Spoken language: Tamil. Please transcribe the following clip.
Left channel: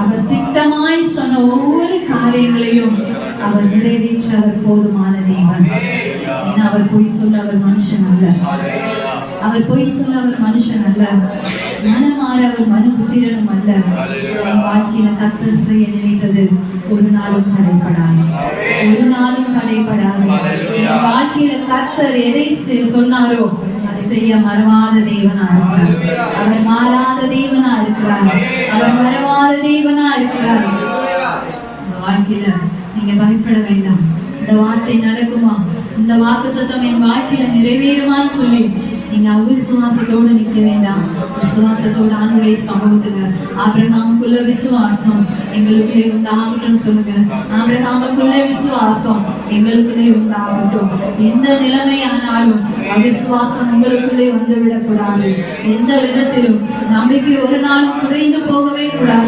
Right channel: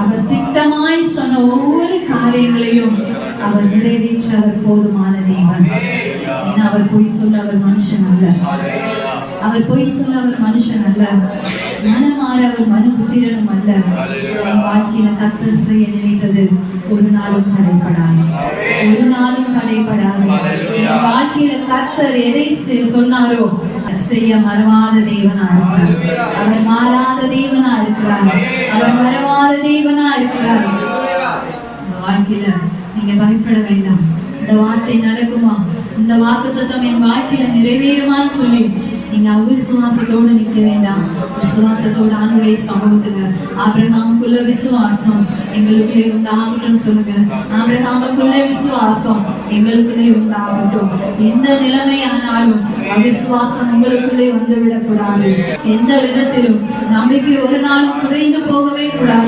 அவர் திட்டமாய் சொன்ன ஒவ்வொரு காரியங்களையும் அவர் நிறைவேற்ற அவர் போதுமான தேவன். ஏன்னா அவர் பொய் சொல்ல அவர் மனுஷன் அல்ல. அவர் பொய் சொல்ல அவர் மனுஷன் அல்ல. மனமாற அவர் மனுபுத்திரனும் அல்ல. வாழ்க்கையில கர்த்தர் செய்ய நினைத்தது ஒரு நாளும் தடைபடாது, ஒரு நாளும் தடைபடாது. வாழ்க்கையில கர்த்தர் எதை சொன்னாரோ செய்ய மறவாத தேவனா இருக்கிறார். அவர் மாறாத தேவனா இருக்கிறார். அவர் மறவாத தேவனா இருக்கிறார். இந்த வாழ்க்கையில நீங்க பயப்பட வேண்டாம். இந்த வார்த்தை நடக்குமா, இந்த வாக்குத்தத்தம் என் வாழ்க்கையில நிறைவேறுமான்னு சொல்லி நீங்க அவிசுவாசத்தோடு நிற்க வேண்டாம். விசுவாசத்தோடு ஆண்டுடைய சமூகத்துக்கு ஆபிரகாமுக்குள்ள விசுவாசம் எங்களுக்குள்ளே உண்டாகட்டும் சொல்லுங்க. ஆபிரகாமுக்குள்ள விசுவாசம் எங்களுக்குள்ளே உண்டாகட்டும். எந்த நிலைமையானாலும் அவிசுவாசம் எங்களுக்குள்ளே வந்து விடக்கூடாது. எந்த விதத்திலும் நம்பிக்கை ஒரு நாளும் குறைந்து போகவே கூடாது.